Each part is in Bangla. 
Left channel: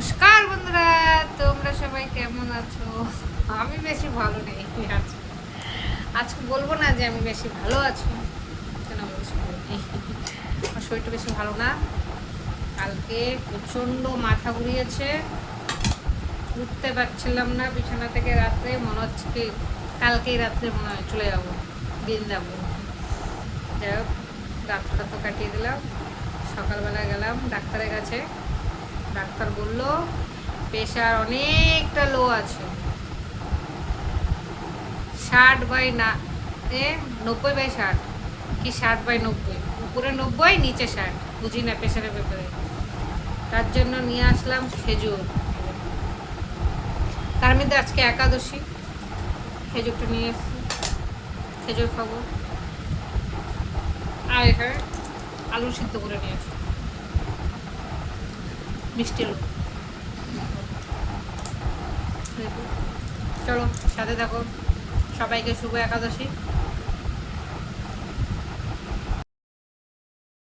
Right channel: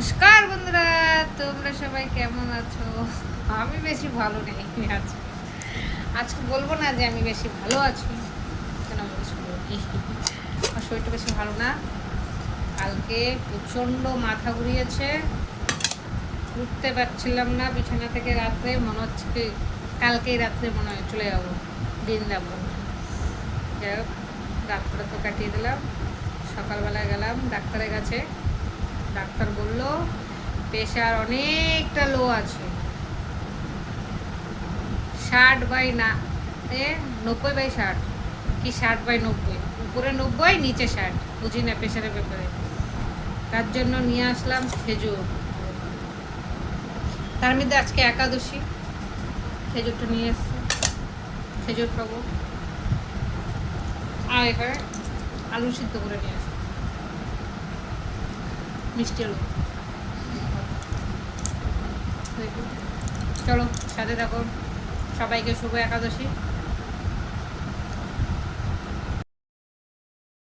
নমস্কার বন্ধুরা, তোমরা সবাই কেমন আছো? আমি বেশি ভালো নেই আজকে। আজকে বলবো না যে আমি বেশি ভালো আছি, কেন আমি বেশি ভালো নেই। আমার শরীরটা বেশি ভালো না। কালকে প্রচণ্ড মাথা ঘুরিয়েছে, উঠতে পারছিলাম না বিছানা থেকে। রাত্রে মনে হচ্ছে কি কালকেই রাত্রে মনে হয় চলে যাবো বৃন্দাবন। যাই হোক, রাত্রটা তো কাটিয়ে দিলাম। সকালবেলা গেলাম ডাক্তারের কাছে। ডাক্তার বলল প্রেশার অনেকটা লো আছে, 60/90 কি 60/90, উপরে 90 নিচে 60, বুঝি না প্রেশারের ব্যাপারে। তার জন্য নিয়ে আসলাম খেজুর। তার মধ্যে আজকে একাদশী, খেজুরটা নিয়ে আসছি, খেজুর খাবো। আর এখানে আলু সিদ্ধ করে নিয়েছি, মিষ্টি আলু। চলো সাথে থাকো। সবাইকে শুভ একাদশী।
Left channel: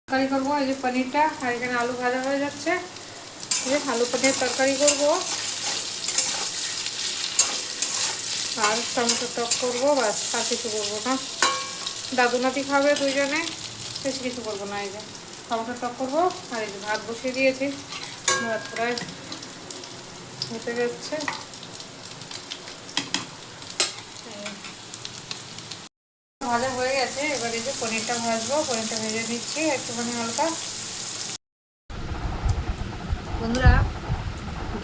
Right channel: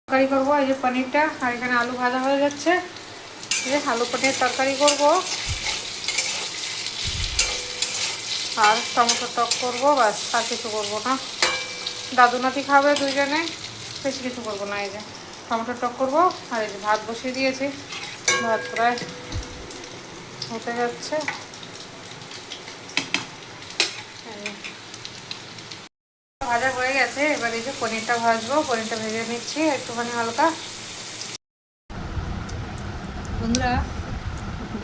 তরকারি করবো, এই যে পনিরটা, আর এখানে আলু ভাজা হয়ে যাচ্ছে। এই যে আলু পনির তরকারি করবো, আর টমেটো টক করবো, বাস। আর কিছু করবো না। দাদু নাতি খাবে দুইজনে, বেশি কিছু করবো না। এই যে টমেটো টক করবো, আর এই যে ভাত বসিয়ে দিয়েছি। ভাত প্রায় হতে যাচ্ছে। ভাজা হয়ে গেছে, এবার এই যে পনিরটা ভাজবো। পনিরটা ভেজে নিচ্ছি একটুখানি হালকা। বন্ধুরা,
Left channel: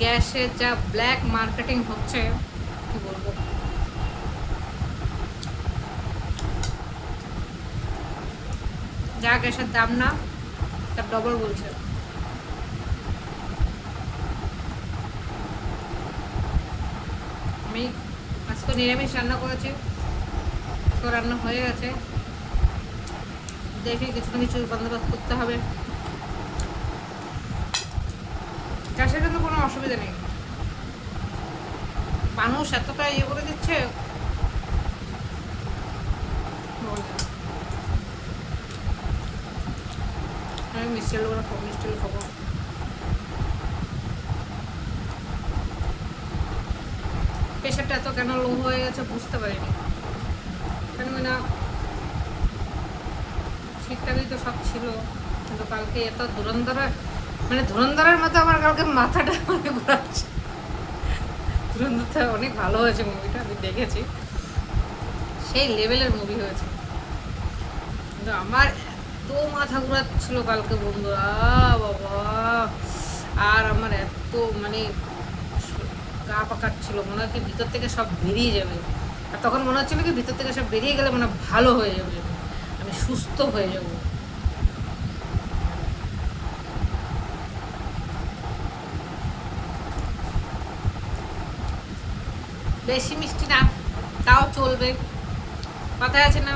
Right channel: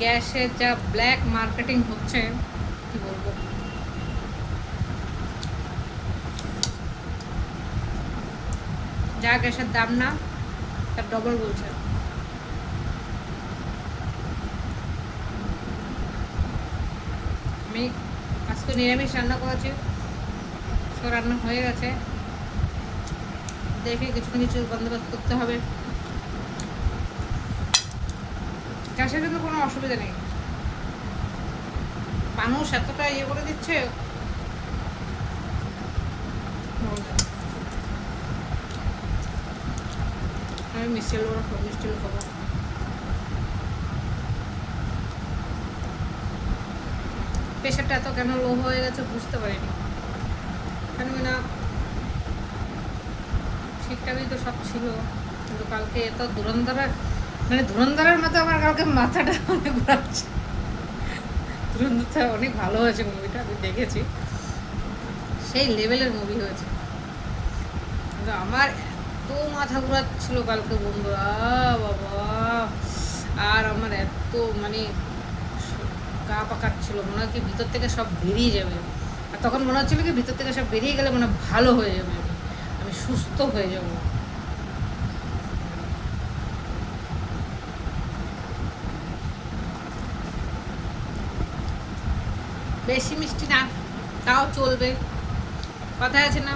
গ্যাসের যা ব্ল্যাক মার্কেটিং হচ্ছে, কি বলবো। যা গ্যাসের দাম না, তার ডবল বলছে। আমি আজকে নিরামিষ রান্না করেছি, রান্না হয়ে গেছে। দেখি কিছু না কিছু বন্দোবস্ত করতে হবে। গ্যাসের কিন্তু কোনো অসুবিধা নেই, মানুষ এতটা ইয়ে করে দিচ্ছে। আমি মিষ্টি আলু খাবো, মিষ্টি আলু খাবো। প্রেশারটা এত কেন লো হয়ে গেছে বুঝতে পারিনি, কেন না ঠিকঠাকই তো সব ছিল। কিন্তু কালকে এত ধুরন্ধরের মতো আমার কালকে মাথাটা ঘোরাচ্ছে। ধুরন্ধরটা অনেক ভালো হয়েছে মুভিটা, আমি দেখেছি, সেই লেভেলের মুভি হয়েছে। কিন্তু আমার এত মাথা ঘোরাচ্ছিল কালকে বন্ধুরা, বাবা। আর আমার এত গা পাকাচ্ছিল, মনে হচ্ছে ভিতর থেকে সব বেরিয়ে যাবে। আর তখন মনে হচ্ছিল কি ভিতর থেকে সব বেরিয়ে গেলে মানে ভালো হয়ে যাবে, আমি সুস্থ হয়ে যাব। বেশি মিষ্টি না, তাও চলবে। কথায় আছে না,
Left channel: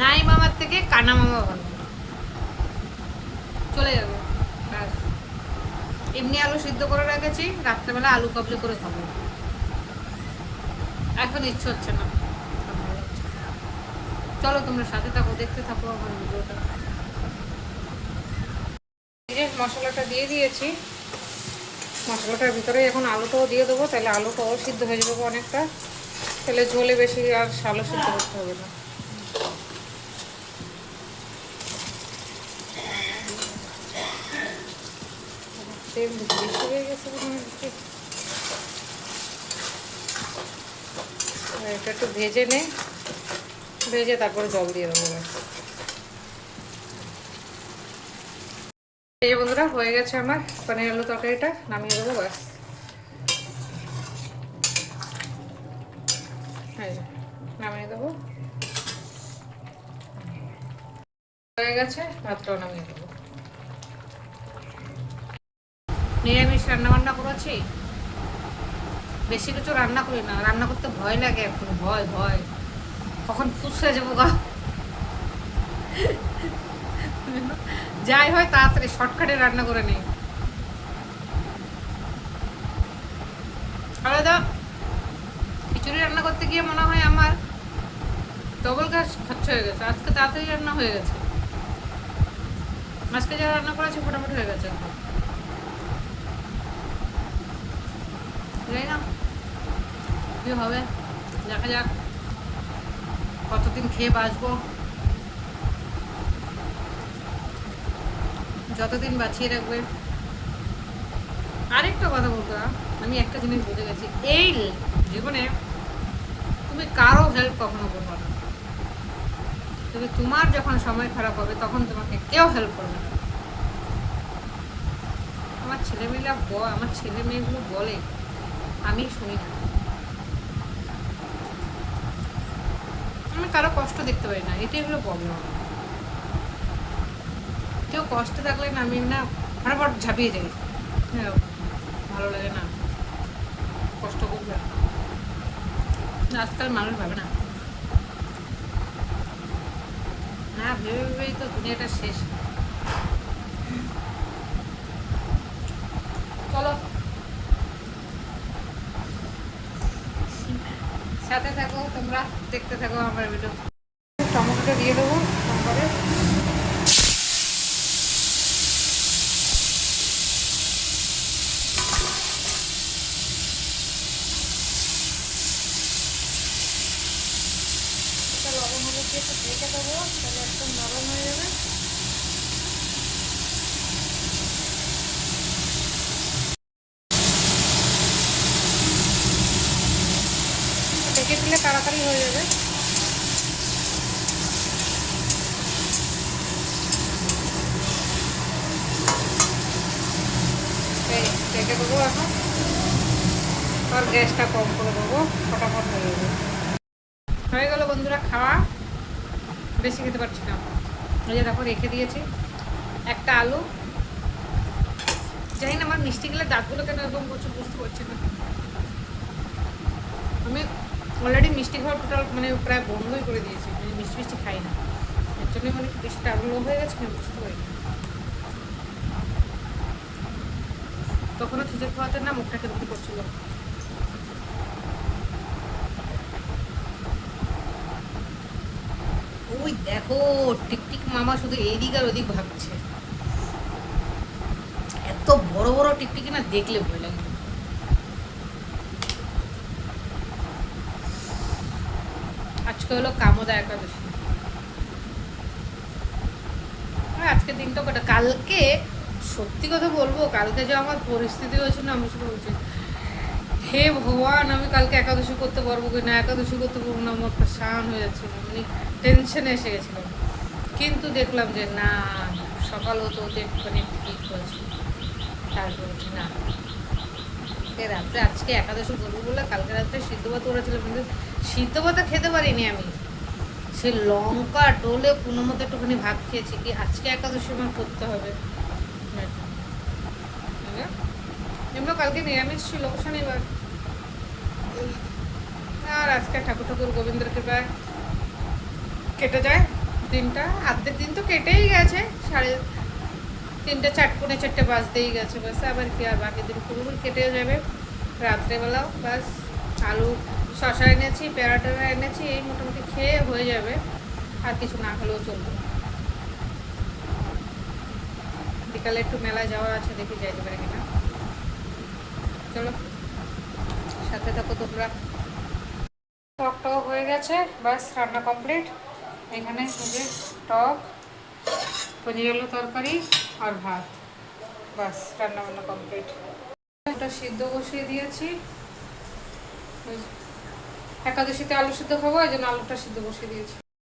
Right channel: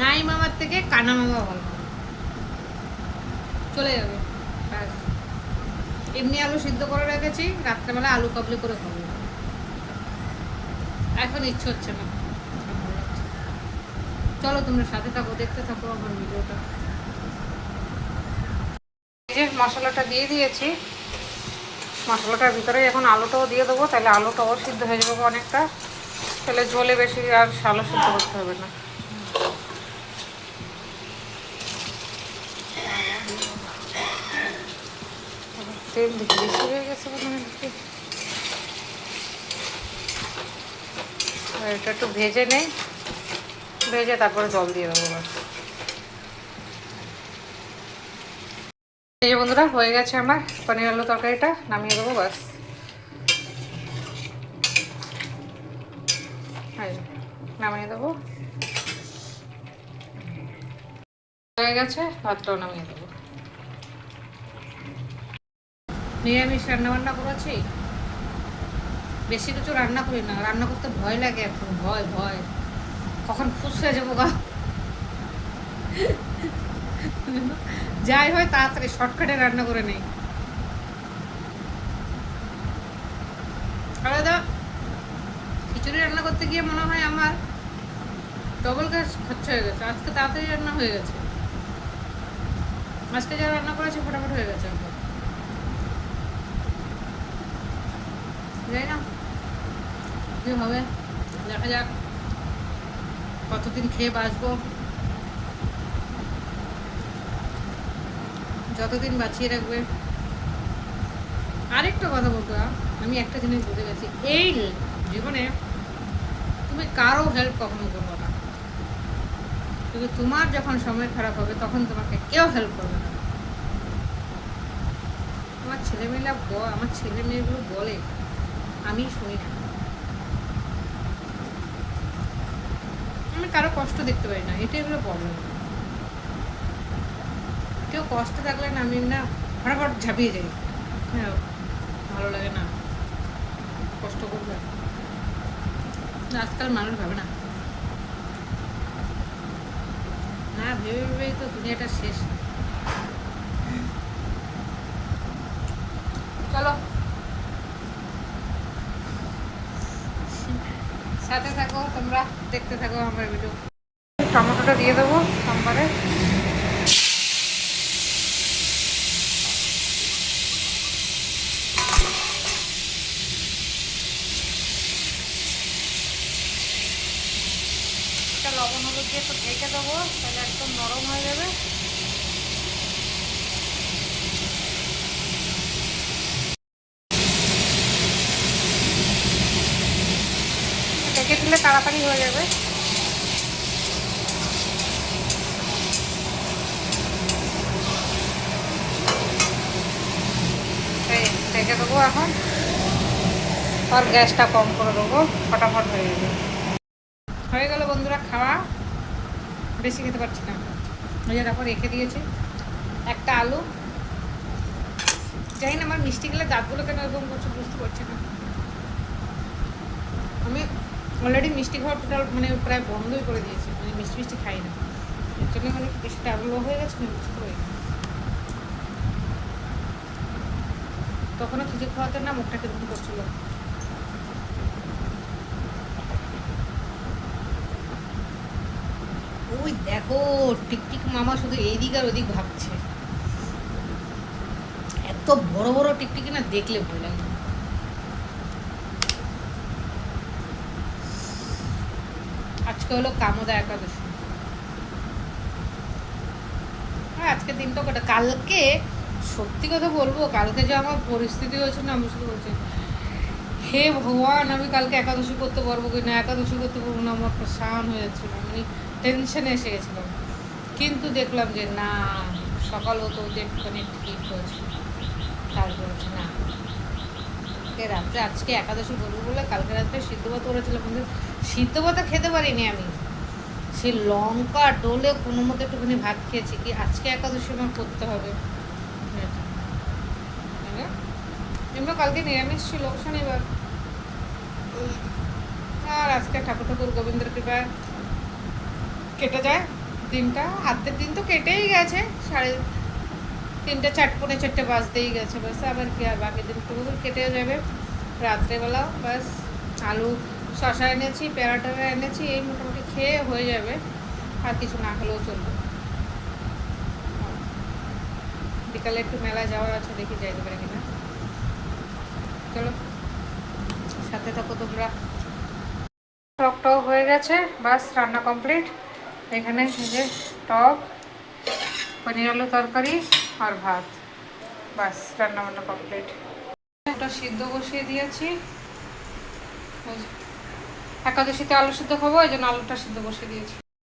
নাই মামার থেকে কানা মামা ভালো, চলে যাবে। ব্যাস, এমনি আলু সিদ্ধ করে রেখেছি, রাত্রেবেলা আলু কাবলি করে খাবো। এখন ইচ্ছে হচ্ছে না। চলো তোমরা সাথে থাকো, দেখতে থাকো আমার ভিডিওটা। এই যে মশলাটা দিয়ে দিয়েছি, মশলাটার ভিতরে এখন আলুটাও দিয়ে দেবো, তাহলে আলুটাও সিদ্ধ হয়ে যাবে অনেকটা। তাহলে ঝোলে বেশি আর আলু সিদ্ধ করতে হবে না। তেল বেশি হয়ে গেছে মনে হচ্ছে। এটা একটু ভেজে নেই, ভেজে তারপরে জল দিয়ে দেবো। এই যে বন্ধুরা, হয়ে গেছে আমার পনির আলু তরকারিটা, নামিয়ে দেবো বাস। নামিয়ে দেবো, হয়ে গেছে। ভাতটাও নামিয়ে দেবো। নিরামিষ রান্নাবান্না করেছি, বেশি কিছু রান্না করি না। রান্না করতে ভয় লাগে এখন, ভয় ভয়, কখন ফুসকে যাবো গা। যাই হয় তাড়াতাড়ি শর্টকাটে রান্না করে নেই। আলাদা খিচুড়ি রান্না করতে গিয়ে মনে হয় আমার ডবল গ্যাস খরচা হয়ে গেছে। আজকে তাড়াতাড়ি রান্না হয়ে গেছে, আজকে যা রান্না করেছি মোটামুটি হয়ে গেছে। জানি না কী হবে, দেখা যাক কতদিন খেয়ে বাঁচবো। যতদিন বাঁচিয়ে রাখবে। আরেকটা কথা বলতো, আমি একটা জিনিস বুঝে গেছি, এই জীবনে তুমি কারো হেল্প কখনো করবো না, কিন্তু তোমার যখন সময় খারাপ হবে তখন তোমাকে কেউ হেল্প করবে না। আমার ছেলে মেয়েগুলো বলে, আমি শুনি না। আমি কারো কষ্ট দেখতে পারি না, এটাই হলো প্রবলেম। কেউ কষ্ট থাকলে না আমি না ফটাফট ঝাঁপিয়ে যাই। হ্যাঁ, ভালো লাগে না কষ্ট করবে। আজকাল মানুষ ভাবে না, হ্যাঁ ভেবে ভেবেই তো দুনিয়াটা শেষ। চলো সাথে থাকো, তোমরা দেখতে থাকো আমার ভিডিও। টমেটোটা দিয়ে দেবো সম্বারে। এটা লবণ হলুদ দিয়ে একটু ঢেকে দেবো, তাহলে একদম নরম হয়ে যাবে। ঢেকে দিলে তাড়াতাড়ি হয়ে যাবে। ঢেকে দেবো এখন, আর গ্যাসটা কম করে দেবো, ফটাফট হয়ে যাবে। হয়ে গেল বন্ধুরা খাওয়া, বেশি খেতে পারছি না। ওই যে দেখো রেখে দিয়েছি একটা আলু। জানি না আমার মিষ্টি গেলে দাঁতগুলো কেন এরকম করছে, বুঝতে পারছি না। আমি অলরেডি মিষ্টি খাওয়া টোটাল মানে প্রায় বন্ধই করে দিয়েছি, আমি মিষ্টি খাই না। এর জন্য মানে বেশি টাগলো হয়ে গেছে, আমি বুঝতে পারি না। তখনও খিচুড়ি খাওয়াতে না মুখটা কেমন করছিল। ওই দেখো টিকটিক মামা শুধু এইদিক আর ওদিক ভাবছে। এত বড় বড় টিকটিকি না দেখলে ভয় লাগে। আজকে হলো কামোদা একাদশী। আজকের দিনটা কটা, কালকে সত্যি কথা বলবো, কালকে যে আমার পরিস্থিতি হয়েছে না, আমি শুধু বলছি হে ভগবান, আমি কালকে একাদশী করতে পারবো কি না, একাদশী করতে পারবো না, আমার শান হয়ে যাচ্ছিল, আমি টেনশনে এসে গেছিলাম। কিন্তু দেখলাম যে না, সকাল হতো একটুখানি ঠিক হয়েছে, তারপর বলছি না রাত্রে আজকে একাদশী করবো বলে কালকে রাত্রে সিদ্ধ ভাত করেছিল, কিন্তু সিদ্ধ ভাতটা খেতে পারিনি আমি। সে লঙ্কা ডোলে কোনো মতো একটুখানি ভাত খেয়েছি, কি আজকে একাদশী আমার করতে হবে। এমনি কালকে নিরামিষ ছিল শনিবার, আর আজকে ঠাকুর গোবিন্দের কৃপায় কেটে যায় দিনটা। আর্ধেক দিন তো কেটেই গেছে, 3:30 4:45 বাজতেই গেছে, বাস আবার কি আর বাকি দিন পুরো কেটে যাবে। রাত্রেবেলাও বাস আলু শশা এনেছি, প্যারাটা এনেছি, এই মোটামুটি খেয়ে হয়ে যাবে, আর কিছু না খেলেও চলবে। বিকালে একটু মেলায় যাওয়ার আছে, দেখি যাইতে পারি কিনা। চলো সাথে থাকো তোমরা। টকটাও হয়ে গেছে, বাস রান্না কমপ্লিট। এখানে যে টক, পনির আলু তরকারি আর ভাত, বাস রান্না বান্না কমপ্লিট। ওটা সিদ্ধ বসিয়ে দিয়েছি, একাদশীতে আলু সিদ্ধ খাবো, এই জন্য আলুটা সিদ্ধ বসিয়ে দিয়েছি।